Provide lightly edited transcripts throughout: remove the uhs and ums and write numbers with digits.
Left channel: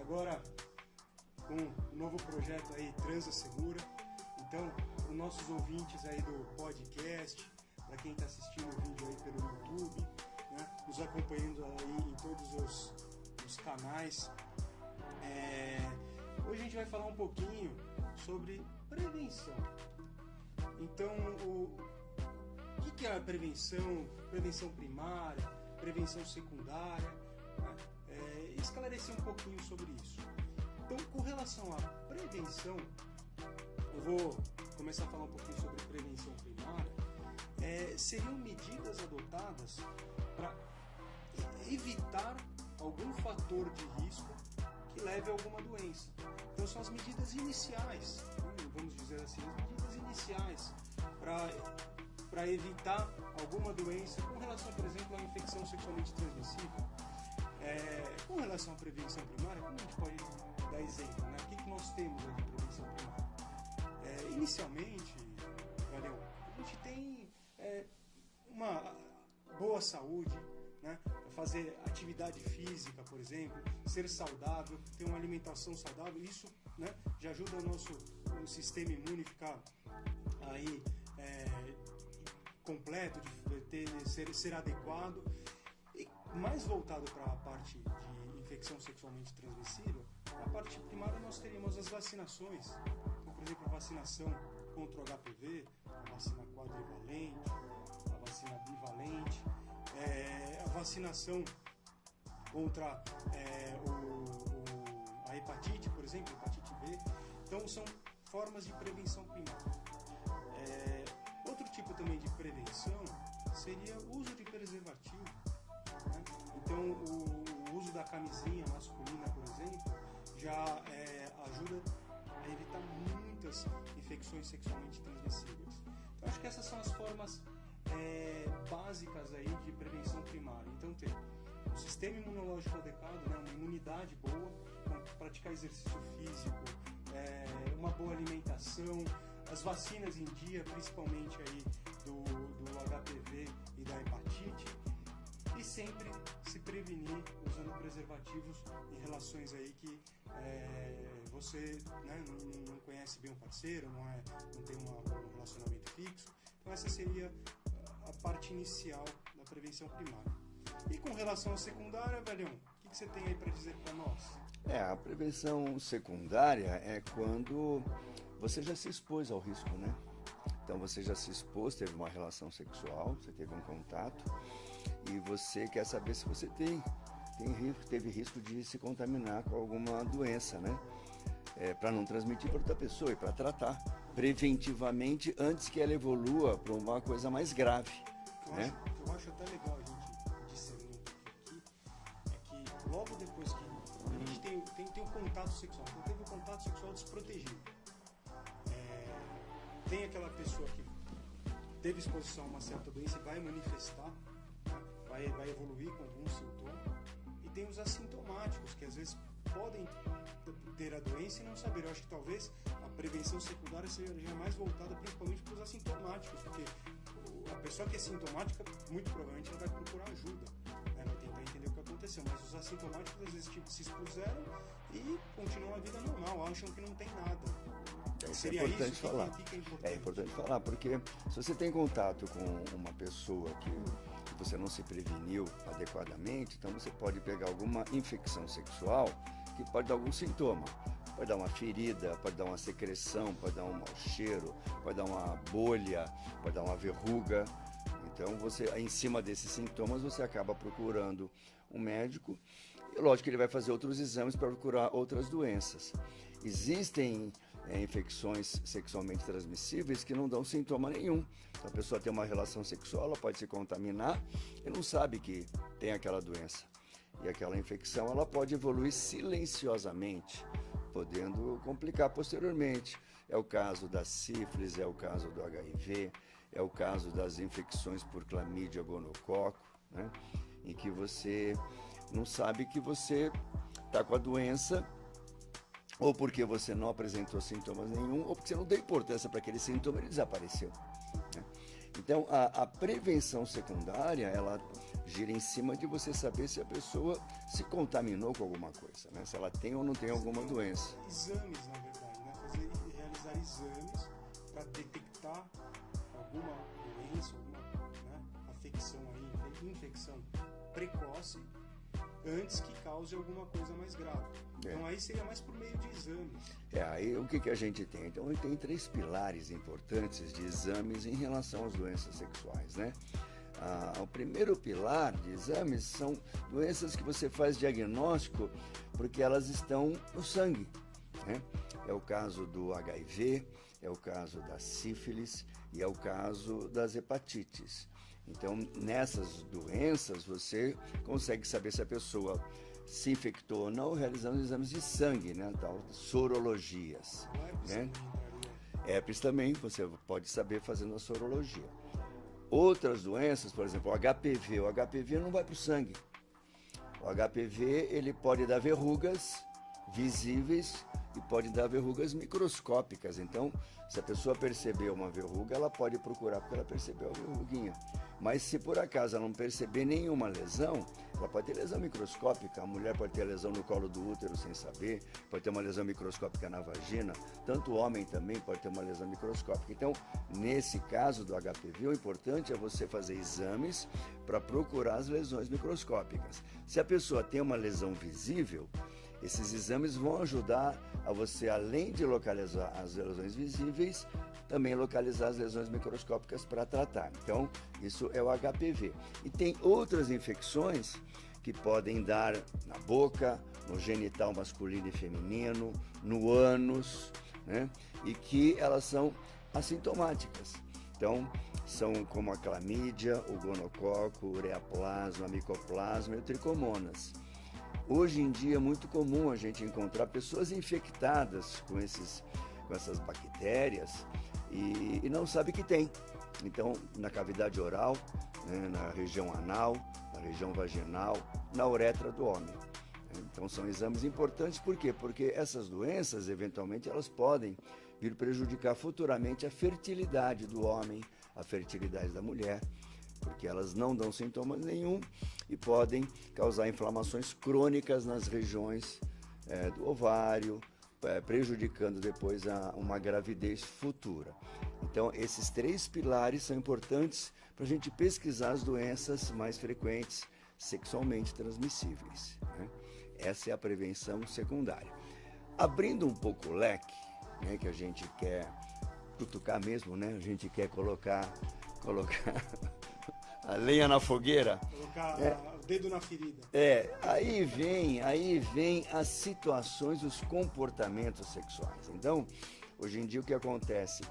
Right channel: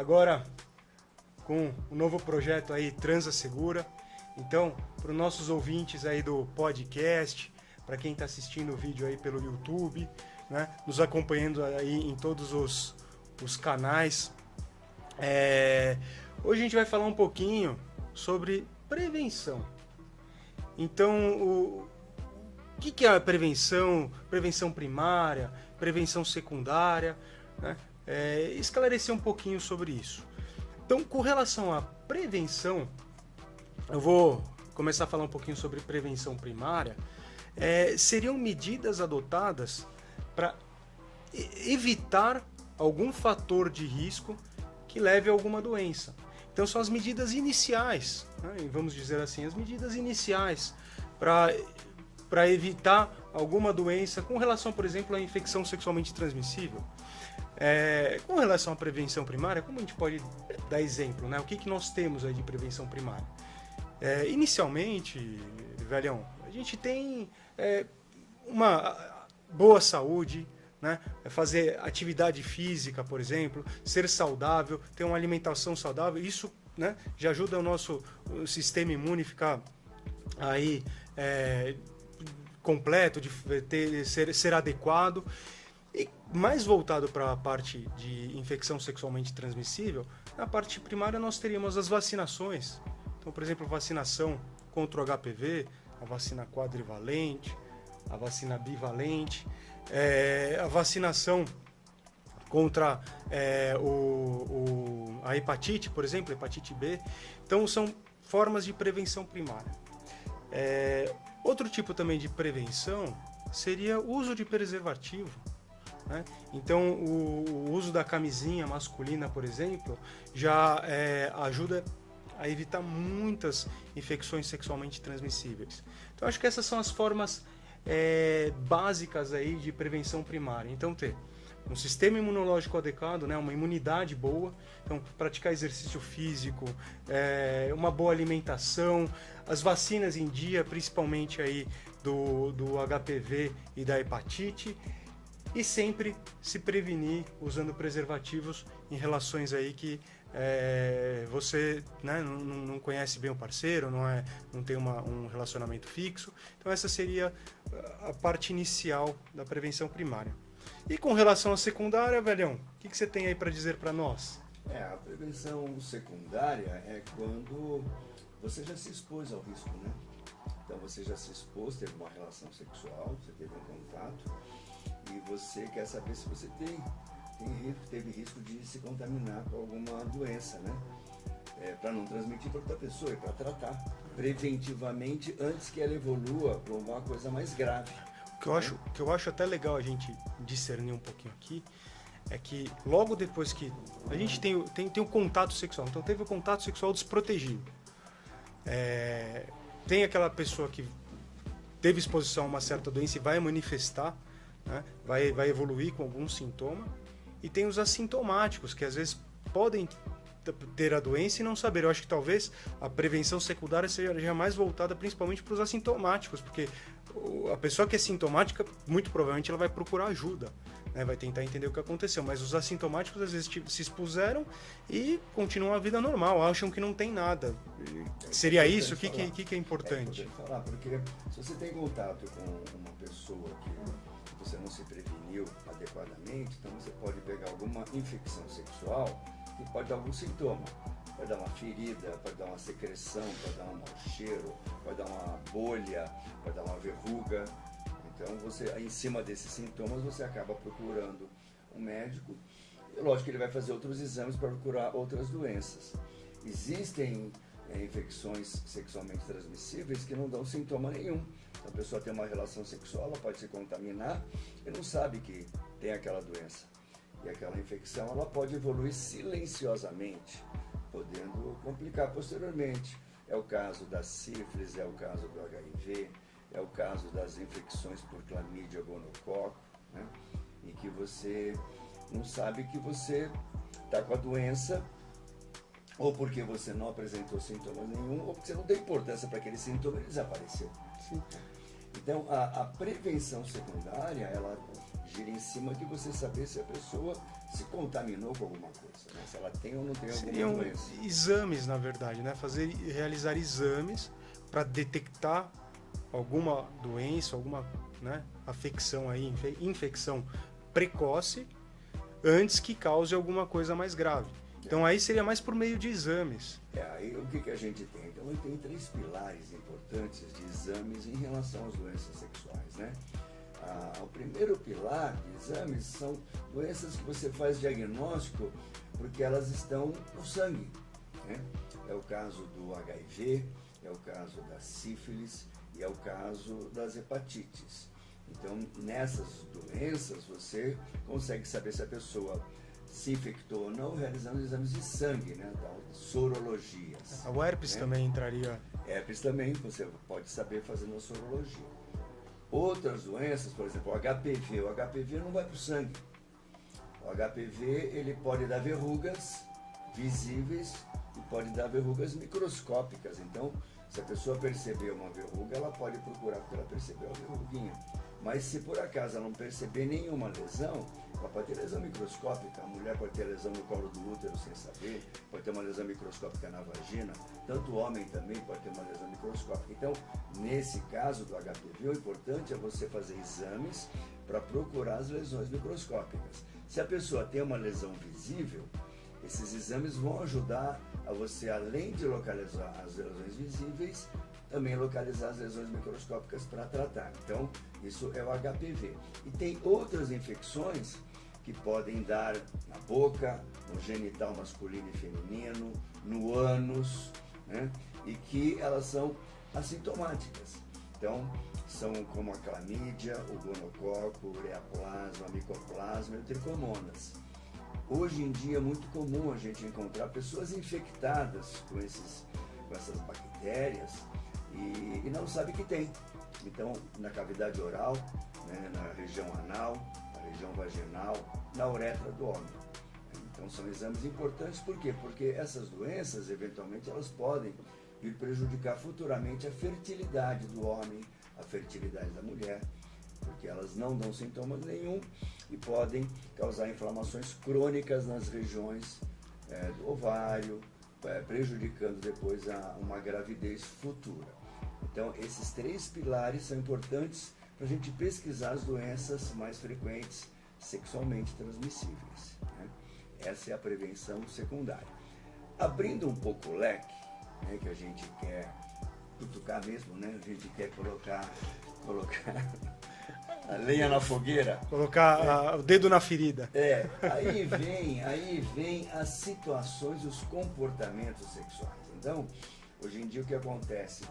agora com o novo projeto aí Transa Segura. Então, para os nossos ouvintes aí do podcast, para quem está assistindo o vídeo aí pelo YouTube, né, nos acompanhando aí em todos os canais, hoje a gente vai falar um pouquinho sobre prevenção. Então, o que é a prevenção? Prevenção primária, prevenção secundária, né? Esclarecer um pouquinho sobre isso. Então, com relação à prevenção, eu vou começar a falar um pouquinho sobre prevenção primária. Seriam medidas adotadas para evitar algum fator de risco que leve a alguma doença. Então, são as medidas iniciais, né? Vamos dizer assim, as medidas iniciais para evitar alguma doença com relação, por exemplo, à infecção sexualmente transmissível. Com relação à prevenção primária, como a gente pode dar exemplo, né? O que nós temos aí de prevenção primária? Inicialmente, velhão, a gente tem uma boa saúde, né? Fazer atividade física, por exemplo, ser saudável, ter uma alimentação saudável, isso, né, já ajuda o nosso sistema imune a ficar aí completo, de ser adequado. E mais voltado para a parte de infecção sexualmente transmissível, na parte primária nós teríamos as vacinações. Então, por exemplo, a vacinação contra o HPV, a vacina quadrivalente, a vacina bivalente, a vacinação contra a hepatite, por exemplo, hepatite B. Então, são formas de prevenção primária. Outro tipo também de prevenção seria o uso de preservativo, né? Então, o uso da camisinha masculina, por exemplo, já ajuda a evitar muitas infecções sexualmente transmissíveis. Então, acho que essas são as formas básicas aí de prevenção primária. Então, ter um sistema imunológico adequado, né, uma imunidade boa, então praticar exercício físico, uma boa alimentação, as vacinas em dia, principalmente aí do HPV e da hepatite, e sempre se prevenir usando preservativos em relações aí que você, né, não conhece bem o parceiro, não tem um relacionamento fixo. Então essa seria a parte inicial da prevenção primária. E com relação à secundária, velhão, o que você tem aí para dizer para nós? A prevenção secundária é quando você já se expôs ao risco, né? Então você já se expôs, teve uma relação sexual, você teve um contato e você quer saber se você teve risco de se contaminar com alguma doença, né? Para não transmitir para outra pessoa e para tratar preventivamente antes que ela evolua para uma coisa mais grave. O que eu acho até legal a gente discernir um pouquinho aqui é que logo depois que a gente tem o contato sexual, então teve o contato sexual desprotegido, tem aquela pessoa que teve exposição a uma certa doença e vai manifestar, né, vai evoluir com algum sintoma, e tem os assintomáticos, que às vezes podem ter a doença e não saber. Eu acho que talvez a prevenção secundária seja mais voltada principalmente para os assintomáticos, porque a pessoa que é sintomática, muito provavelmente ela vai procurar ajuda, né? Vai tentar entender o que aconteceu, mas os assintomáticos às vezes se expuseram e continuam a vida normal, acham que não tem nada. Seria isso? O que é importante? É importante falar, porque se você tem contato com uma pessoa que você não se preveniu adequadamente, então você pode pegar alguma infecção sexual que pode dar algum sintoma. Pode dar uma ferida, pode dar uma secreção, pode dar um mau cheiro, pode dar uma bolha, pode dar uma verruga. Então, em cima desses sintomas, você acaba procurando um médico. E lógico que ele vai fazer outros exames para procurar outras doenças. Existem infecções sexualmente transmissíveis que não dão sintoma nenhum. Então, a pessoa tem uma relação sexual, ela pode se contaminar e não sabe que tem aquela doença. E aquela infecção ela pode evoluir silenciosamente, podendo complicar posteriormente. É o caso da sífilis, é o caso do HIV, é o caso das infecções por clamídia, gonococo, né? Em que você não sabe que você está com a doença, ou porque você não apresentou sintomas nenhum, ou porque você não deu importância para aquele sintoma e ele desapareceu. Então, a prevenção secundária, ela gira em cima de você saber se a pessoa se contaminou com alguma coisa, né? Se ela tem ou não tem alguma Seriam doença. exames, na verdade, né? Realizar exames para detectar alguma doença, alguma, né, afecção aí, infecção precoce, antes que cause alguma coisa mais grave. Então aí seria mais por meio de exames. Aí o que a gente tem? Então ele tem 3 pilares importantes de exames em relação às doenças sexuais, né? O primeiro pilar de exames são doenças que você faz diagnóstico porque elas estão no sangue, né? É o caso do HIV, é o caso da sífilis e é o caso das hepatites. Então, nessas doenças, você consegue saber se a pessoa se infectou ou não realizando exames de sangue, né? Tal, sorologias. O herpes, né, também entraria. Herpes também, você pode saber fazendo a sorologia. Outras doenças, por exemplo, o HPV. O HPV não vai para o sangue. O HPV, ele pode dar verrugas visíveis e pode dar verrugas microscópicas. Então, se a pessoa perceber uma verruga, ela pode procurar porque ela percebeu a verruguinha. Mas se por acaso ela não perceber nenhuma lesão, ela pode ter lesão microscópica. A mulher pode ter lesão no colo do útero sem saber, pode ter uma lesão microscópica na vagina. Tanto o homem também pode ter uma lesão microscópica. Então, nesse caso do HPV, o importante é você fazer exames para procurar as lesões microscópicas. Se a pessoa tem uma lesão visível, esses exames vão ajudar a você, além de localizar as lesões visíveis, também localizar as lesões microscópicas para tratar. Então, isso é o HPV. E tem outras infecções que podem dar na boca, no genital masculino e feminino, no ânus, né? E que elas são assintomáticas. Então, são como a clamídia, o gonococo, o ureaplasma, a micoplasma e o tricomonas. Hoje em dia é muito comum a gente encontrar pessoas infectadas com essas bactérias e não sabe que tem. Então, na cavidade oral, né, na região anal, na região vaginal, na uretra do homem. Então, são exames importantes, por quê? Porque essas doenças, eventualmente, elas podem vir prejudicar futuramente a fertilidade do homem, a fertilidade da mulher, porque elas não dão sintomas nenhum e podem causar inflamações crônicas nas regiões do ovário, prejudicando depois uma gravidez futura. Então, esses 3 pilares são importantes para a gente pesquisar as doenças mais frequentes sexualmente transmissíveis, né? Essa é a prevenção secundária. Abrindo um pouco o leque, né, que a gente quer cutucar mesmo, né? A gente quer colocar a lenha na fogueira. Colocar o dedo na ferida. Aí vem as situações, os comportamentos sexuais. Então, hoje em dia o que acontece?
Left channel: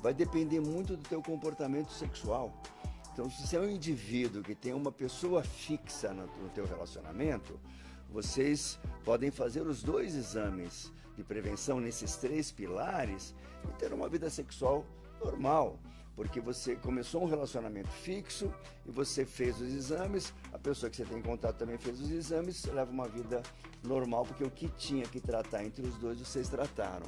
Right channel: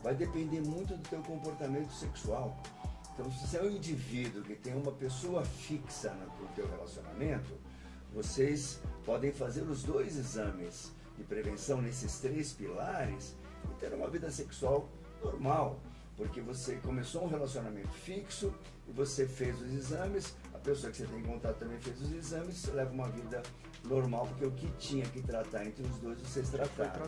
Vai depender muito do teu comportamento sexual. Então, se você é um indivíduo que tem uma pessoa fixa no teu relacionamento, vocês podem fazer os 2 exames de prevenção nesses 3 pilares e ter uma vida sexual normal. Porque você começou um relacionamento fixo e você fez os exames, a pessoa que você tem contato também fez os exames, leva uma vida normal, porque o que tinha que tratar entre os 2, vocês trataram.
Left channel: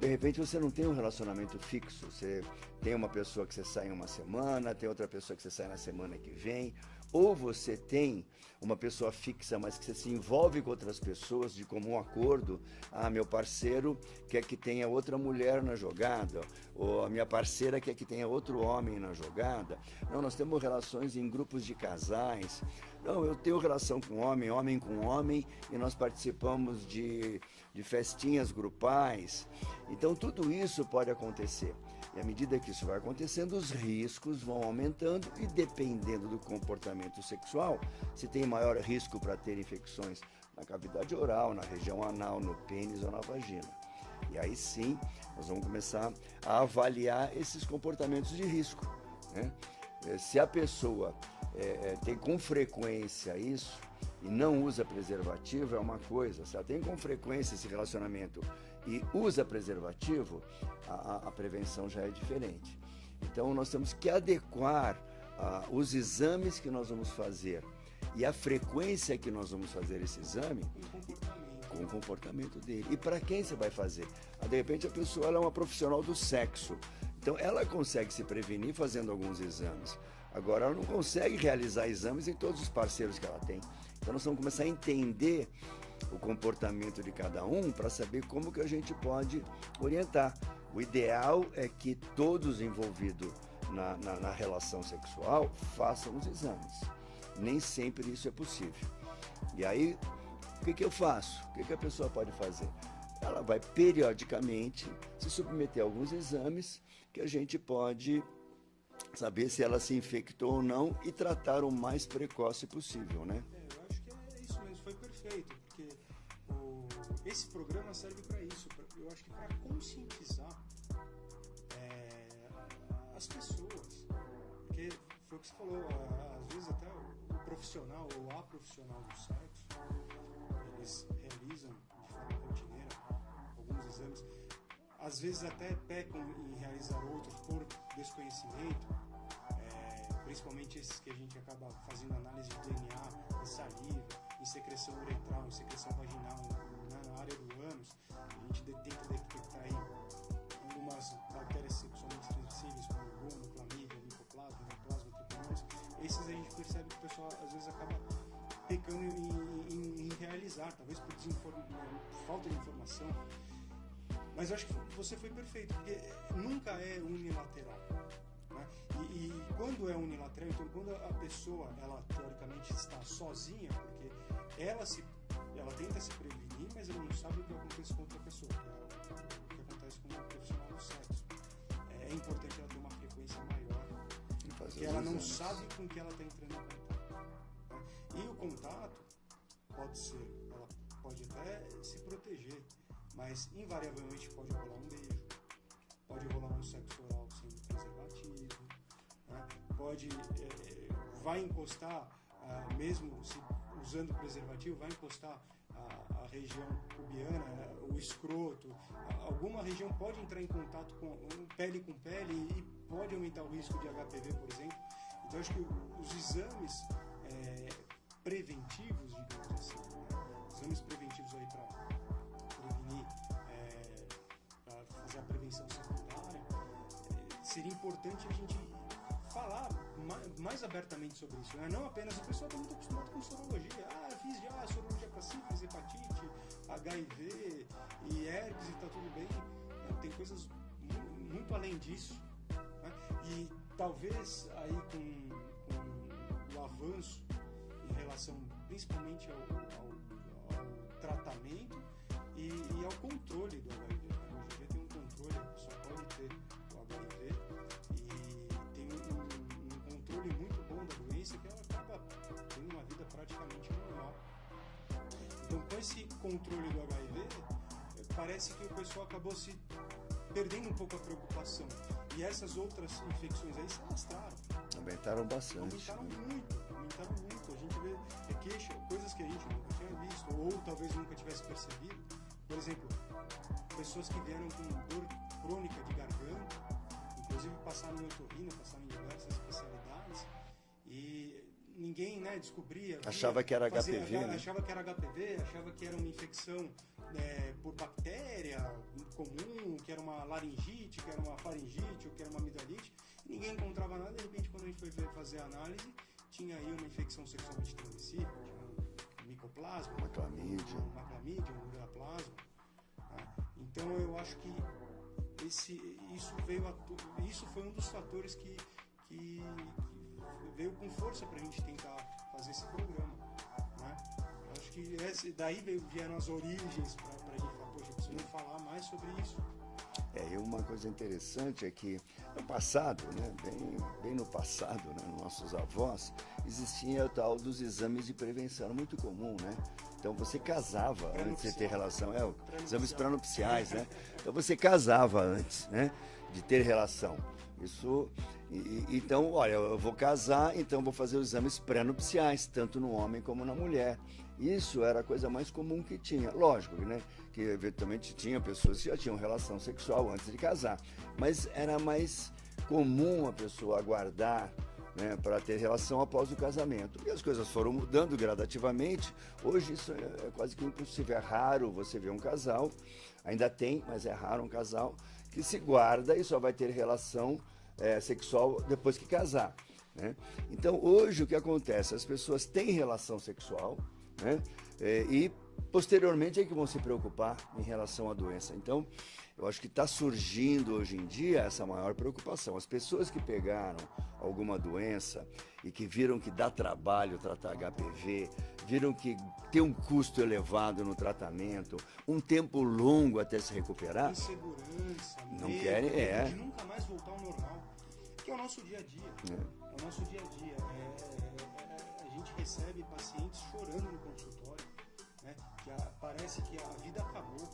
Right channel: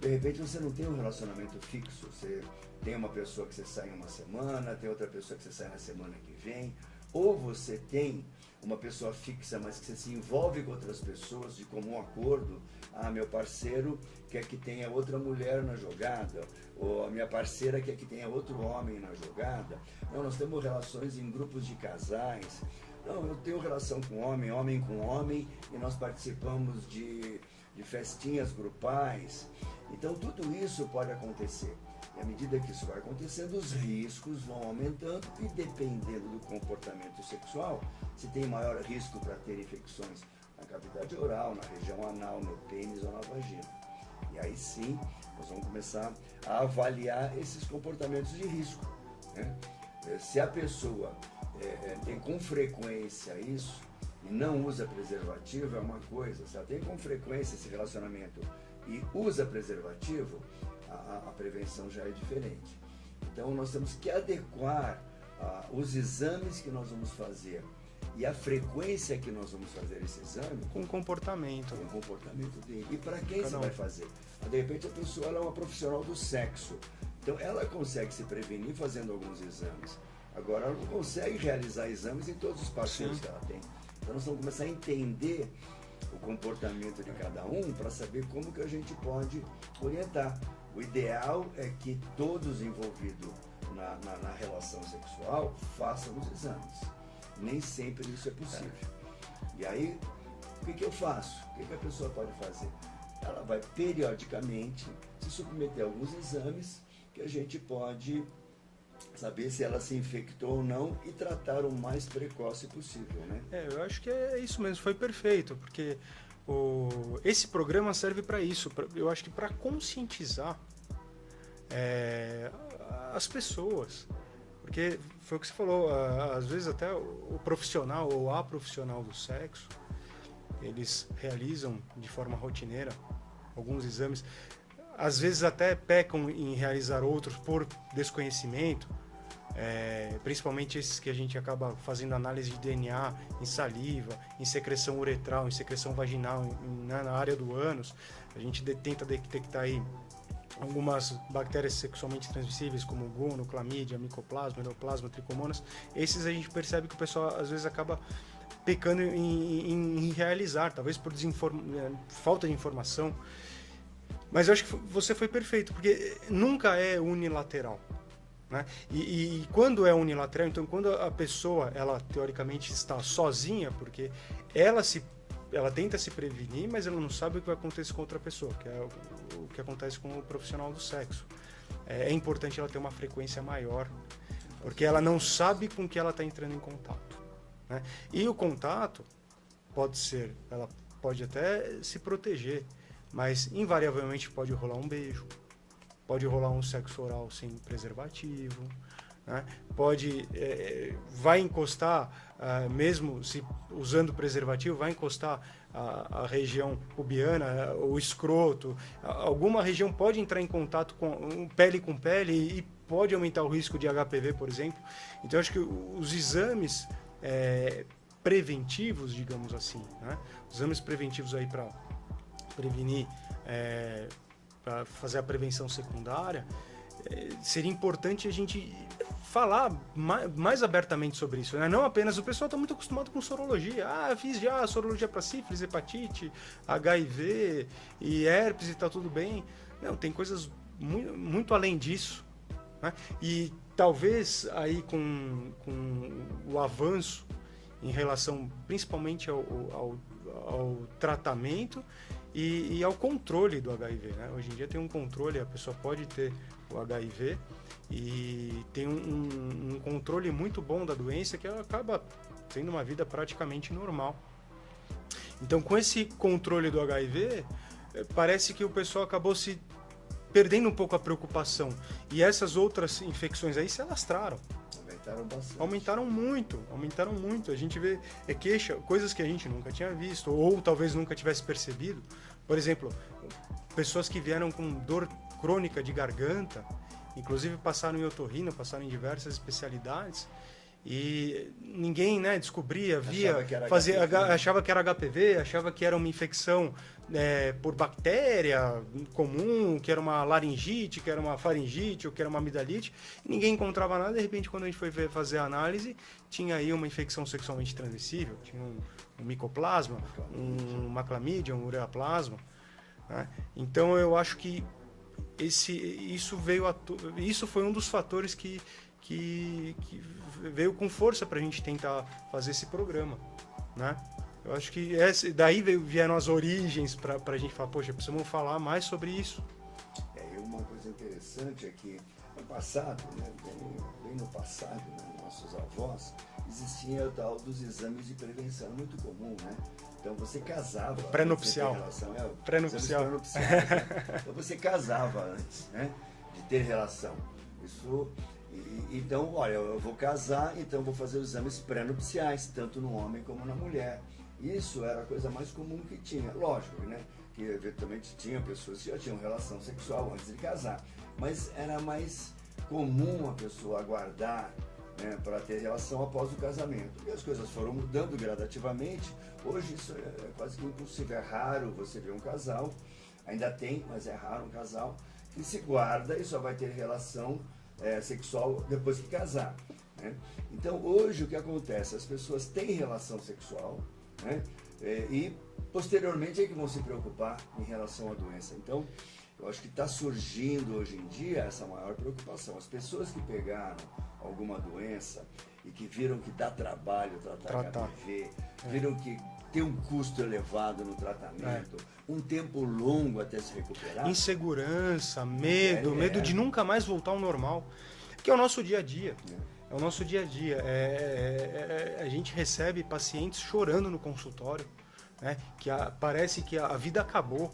De repente você não tem um relacionamento fixo, você tem uma pessoa que você sai em uma semana, tem outra pessoa que você sai na semana que vem, ou você tem uma pessoa fixa, mas que você se envolve com outras pessoas de comum acordo. Meu parceiro quer que tenha outra mulher na jogada, ou a minha parceira quer que tenha outro homem na jogada. Não, nós temos relações em grupos de casais. Não, eu tenho relação com homem, homem com homem, e nós participamos de festinhas grupais. Então tudo isso pode acontecer. E à medida que isso vai acontecendo, os riscos vão aumentando e, dependendo do comportamento sexual, se tem maior risco para ter infecções na cavidade oral, na região anal, no pênis ou na vagina. E aí sim, nós vamos começar a avaliar esses comportamentos de risco, né? Se a pessoa tem com frequência isso e não usa preservativo, é uma coisa. Se ela tem com frequência esse relacionamento e usa preservativo, a prevenção já é diferente. Então nós temos que adequar os exames que nós vamos fazer e a frequência que nós vamos fazer esse exame com o comportamento dele. E para quem você vai fazer? De repente a pessoa ela é uma profissional do sexo, então ela consegue se prevenir fazendo alguns exames. Agora ela não consegue realizar exames em todos os parceiros que ela tem. Então nós vamos começar a entender o comportamento de cada um para saber como que a gente pode orientar. O ideal é que todos envolvidos na relação sexual façam os exames. Nem sempre isso é possível. E aí, o que eu faço? O que a pessoa pode fazer? Ela vai periodicamente se submeter a alguns exames que a gente pode saber se ela se infectou ou não e tratar o mais precoce possível, né? Eu acho que é isso mesmo, foi perfeito, porque esse programa serve para isso, eu acho que para conscientizar as pessoas, porque foi o que você falou, às vezes até o profissional ou a profissional do sexo, eles realizam de forma rotineira alguns exames, às vezes até pecam em realizar outros por desconhecimento, principalmente esses que a gente acaba fazendo análise de DNA em saliva, em secreção uretral, em secreção vaginal, na área do ânus. A gente tenta detectar aí algumas bactérias sexualmente transmissíveis, como gono, clamídia, micoplasma, neoplasma, tricomonas. Esses a gente percebe que o pessoal às vezes acaba pecando em realizar, talvez por falta de informação. Mas eu acho que você foi perfeito, porque nunca é unilateral, né? E quando é unilateral, então quando a pessoa, ela teoricamente está sozinha, porque ela tenta se prevenir, mas ela não sabe o que vai acontecer com outra pessoa, que é o que acontece com o profissional do sexo. É importante ela ter uma frequência maior, porque ela não sabe com que ela está entrando em contato, né? E o contato ela pode até se proteger, mas invariavelmente pode rolar um beijo, pode rolar um sexo oral sem preservativo, né? Vai encostar, mesmo se usando preservativo, vai encostar a região pubiana, o escroto, alguma região pode entrar em contato com pele e pode aumentar o risco de HPV, por exemplo. Então eu acho que os exames preventivos, digamos assim, né? Os exames preventivos aí para prevenir, para fazer a prevenção secundária, seria importante a gente falar mais abertamente sobre isso, né? Não apenas, o pessoal está muito acostumado com sorologia. Fiz já sorologia para sífilis, hepatite, HIV e herpes e tá tudo bem. Não, tem coisas muito, muito além disso, né? E talvez aí com o avanço em relação principalmente ao tratamento e ao controle do HIV, né? Hoje em dia tem um controle, a pessoa pode ter o HIV e tem um controle muito bom da doença, que ela acaba tendo uma vida praticamente normal. Então, com esse controle do HIV, parece que o pessoal acabou se perdendo um pouco a preocupação, e essas outras infecções aí se alastraram. Aumentaram bastante. Aumentaram muito. A gente vê coisas que a gente nunca tinha visto, ou talvez nunca tivesse percebido. Por exemplo, pessoas que vieram com dor crônica de garganta, inclusive passaram em otorrino, passaram em diversas especialidades, e ninguém, né, descobria, achava que era HPV, achava que era uma infecção por bactéria comum, que era uma laringite, que era uma faringite, ou que era uma amidalite. Ninguém encontrava nada. De repente, quando a gente foi fazer a análise, tinha aí uma infecção sexualmente transmissível, tinha um micoplasma, uma clamídia, um ureaplasma, né? Então eu acho que isso foi um dos fatores que veio com força para a gente tentar fazer esse programa, né? Eu acho que daí vieram as origens para a gente falar, poxa, precisamos falar mais sobre isso. E uma coisa interessante é que no passado, né, bem no passado, né, nossos avós, existia o tal dos exames de prevenção, muito comum, né? Então você casava pré-nupcial. Antes de ter relação, pré-nupcial. Exames pré-nupciais, né? Então você casava antes, né, de ter relação. Então, olha, eu vou casar, então vou fazer os exames pré-nupciais, tanto no homem como na mulher. Isso era a coisa mais comum que tinha. Lógico, né, que eventualmente tinha pessoas que já tinham relação sexual antes de casar, mas era mais comum a pessoa aguardar, né, para ter relação após o casamento. E as coisas foram mudando gradativamente. Hoje isso é quase que impossível. É raro você ver um casal, ainda tem, mas é raro um casal que se guarda e só vai ter relação sexual depois que casar. né? Então hoje o que acontece? As pessoas têm relação sexual, né? E posteriormente é que vão se preocupar em relação à doença. Então eu acho que está surgindo hoje em dia essa maior preocupação. As pessoas que pegaram alguma doença e que viram que dá trabalho tratar HPV, viram que tem um custo elevado no tratamento, um tempo longo até se recuperar. Insegurança, medo de nunca mais voltar ao normal. Que é o nosso dia a dia. É o nosso dia a dia. A gente recebe pacientes chorando no consultório, né? Parece que a vida acabou.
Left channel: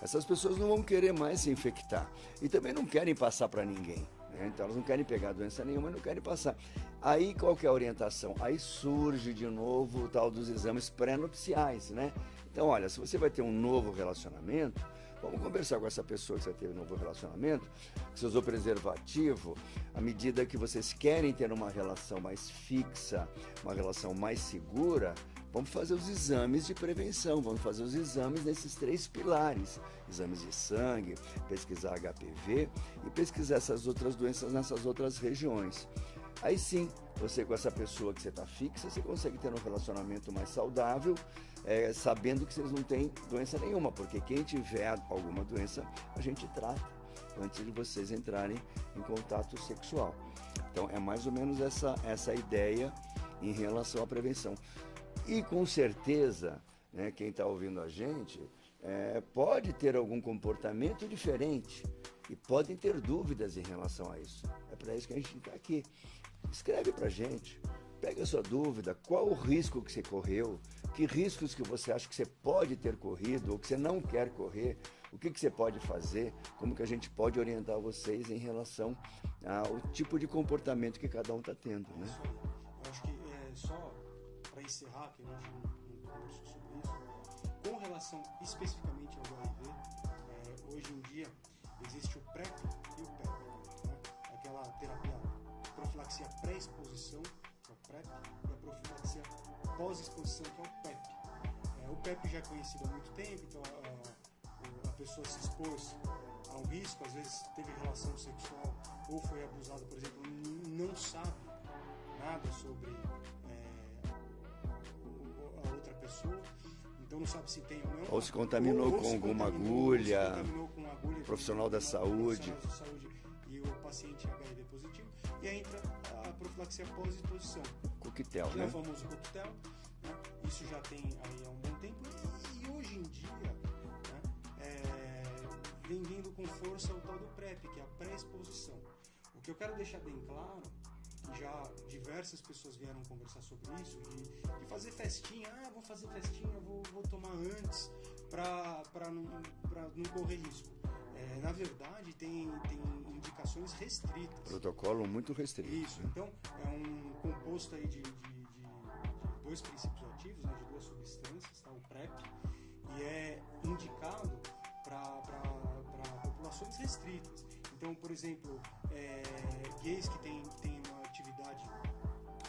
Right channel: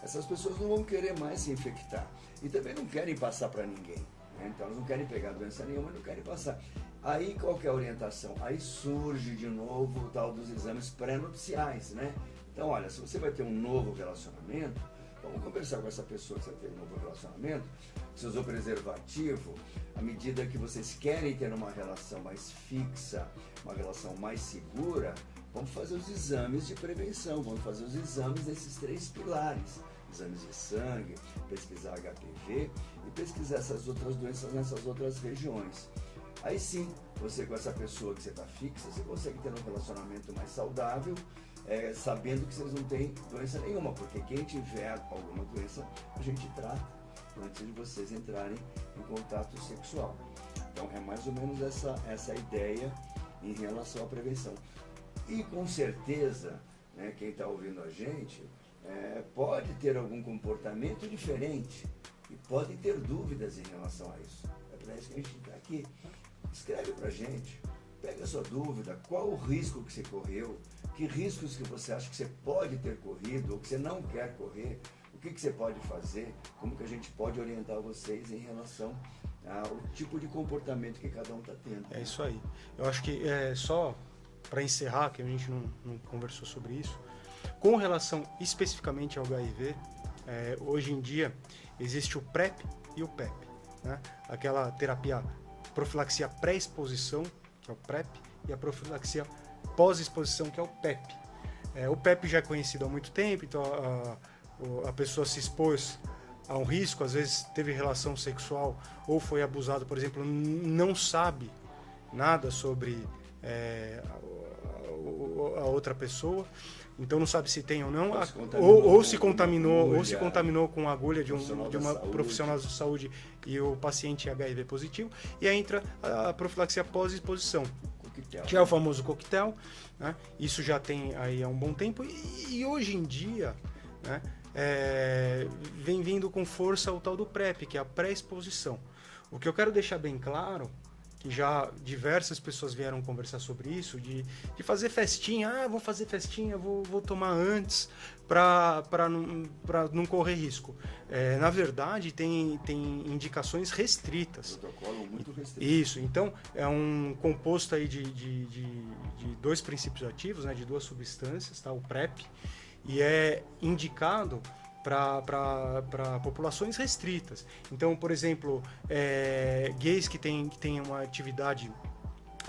Essas pessoas não vão querer mais se infectar e também não querem passar para ninguém, né? Então elas não querem pegar doença nenhuma e não querem passar. Aí qual que é a orientação? Aí surge de novo o tal dos exames pré-nupciais, né? Então olha, se você vai ter um novo relacionamento, vamos conversar com essa pessoa que você teve um novo relacionamento, que você usou preservativo, à medida que vocês querem ter uma relação mais fixa, uma relação mais segura, vamos fazer os exames de prevenção, vamos fazer os exames desses 3 pilares. Exames de sangue, pesquisar HPV e pesquisar essas outras doenças nessas outras regiões. Aí sim, você com essa pessoa que você está fixa, você consegue ter um relacionamento mais saudável, sabendo que vocês não têm doença nenhuma, porque quem tiver alguma doença, a gente trata antes de vocês entrarem em contato sexual. Então é mais ou menos essa ideia em relação à prevenção. E com certeza, né, quem está ouvindo a gente pode ter algum comportamento diferente e podem ter dúvidas em relação a isso. É para isso que a gente está aqui. Escreve para a gente, pega a sua dúvida, qual o risco que você correu, que riscos que você acha que você pode ter corrido ou que você não quer correr, o que você pode fazer, como que a gente pode orientar vocês em relação ao tipo de comportamento que cada um está tendo. É isso aí. Eu acho que só para encerrar, que a gente não conversou sobre isso, com relação especificamente ao HIV, hoje em dia existe o PrEP e o PEP, né? Aquela terapia profilaxia pré-exposição, que é o PrEP, e a profilaxia pós-exposição, que é o PEP. O PEP já é conhecido há muito tempo, então a pessoa se expôs a um risco, às vezes teve relação sexual ou foi abusado, por exemplo, não sabe nada sobre a outra pessoa, então não sabe se tem ou não, ou se contaminou com a agulha de uma profissional da saúde e o paciente é HIV positivo, e aí entra a profilaxia pós-exposição, que é o famoso coquetel, né? Isso já tem aí há um bom tempo e hoje em dia, né, vem vindo com força o tal do PrEP, que é a pré-exposição. O que eu quero deixar bem claro, que já diversas pessoas vieram conversar sobre isso, de fazer festinha, vou fazer festinha, vou tomar antes para não correr risco. Na verdade, tem indicações restritas. Protocolo muito restrito. Isso, então é um composto aí de 2 princípios ativos, né, de 2 substâncias, tá, o PrEP, e é indicado para populações restritas. Então, por exemplo, gays que têm uma atividade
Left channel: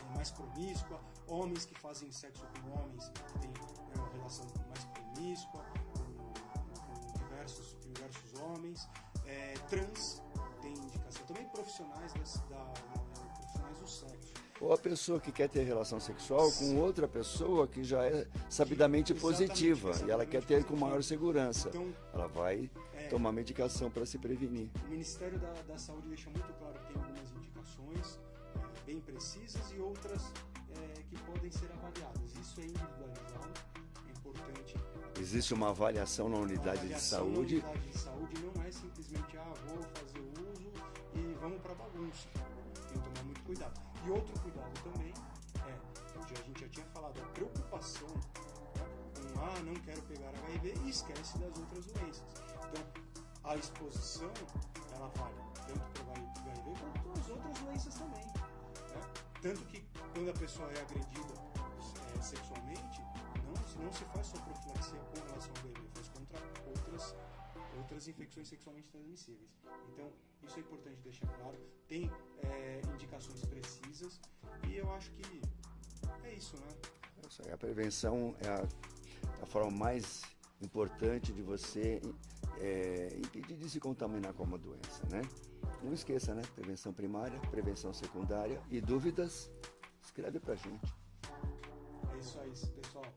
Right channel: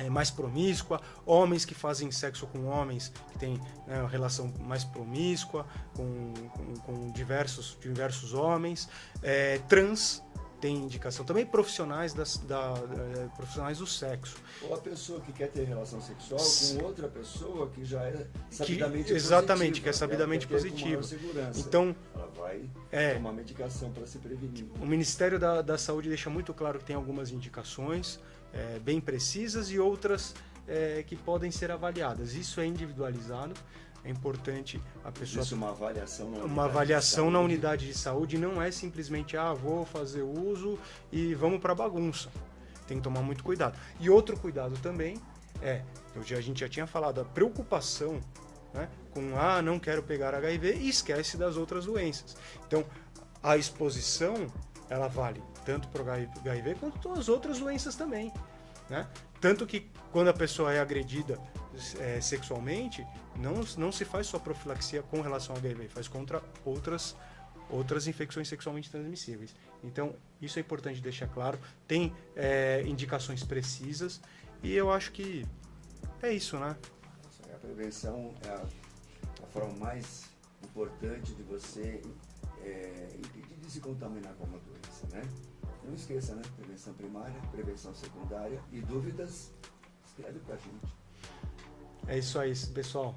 mais promíscua, homens que fazem sexo com homens que têm uma relação mais promíscua com diversos homens, trans tem indicação também, profissionais profissionais do sexo. Ou a pessoa que quer ter relação sexual com outra pessoa que já é sabidamente positiva. Exatamente, que é sabidamente positiva. Com maior segurança. Então, ela vai tomar medicação para se prevenir. O Ministério da Saúde deixa muito claro que tem algumas indicações bem precisas e outras que podem ser avaliadas. Isso é individualizado. É importante a pessoa... Existe uma avaliação na unidade Uma avaliação na unidade de saúde, não é simplesmente, vou fazer uso e vamos para bagunça. Tem que tomar muito cuidado. E outro cuidado também a gente já tinha falado, a preocupação, né, com não quero pegar HIV e esquece das outras doenças. Então, a exposição, ela vale tanto para o HIV quanto as outras doenças também, né? Tanto que quando a pessoa é agredida sexualmente, não se faz só profilaxia com relação ao HIV, faz contra outras infecções sexualmente transmissíveis. Então, isso é importante deixar claro. Tem indicações precisas e eu acho que é isso, né? A prevenção é a forma mais importante de você impedir de se contaminar com uma doença, né? não esqueça, né? Prevenção primária, prevenção secundária e dúvidas, escreve pra gente. É isso aí, pessoal.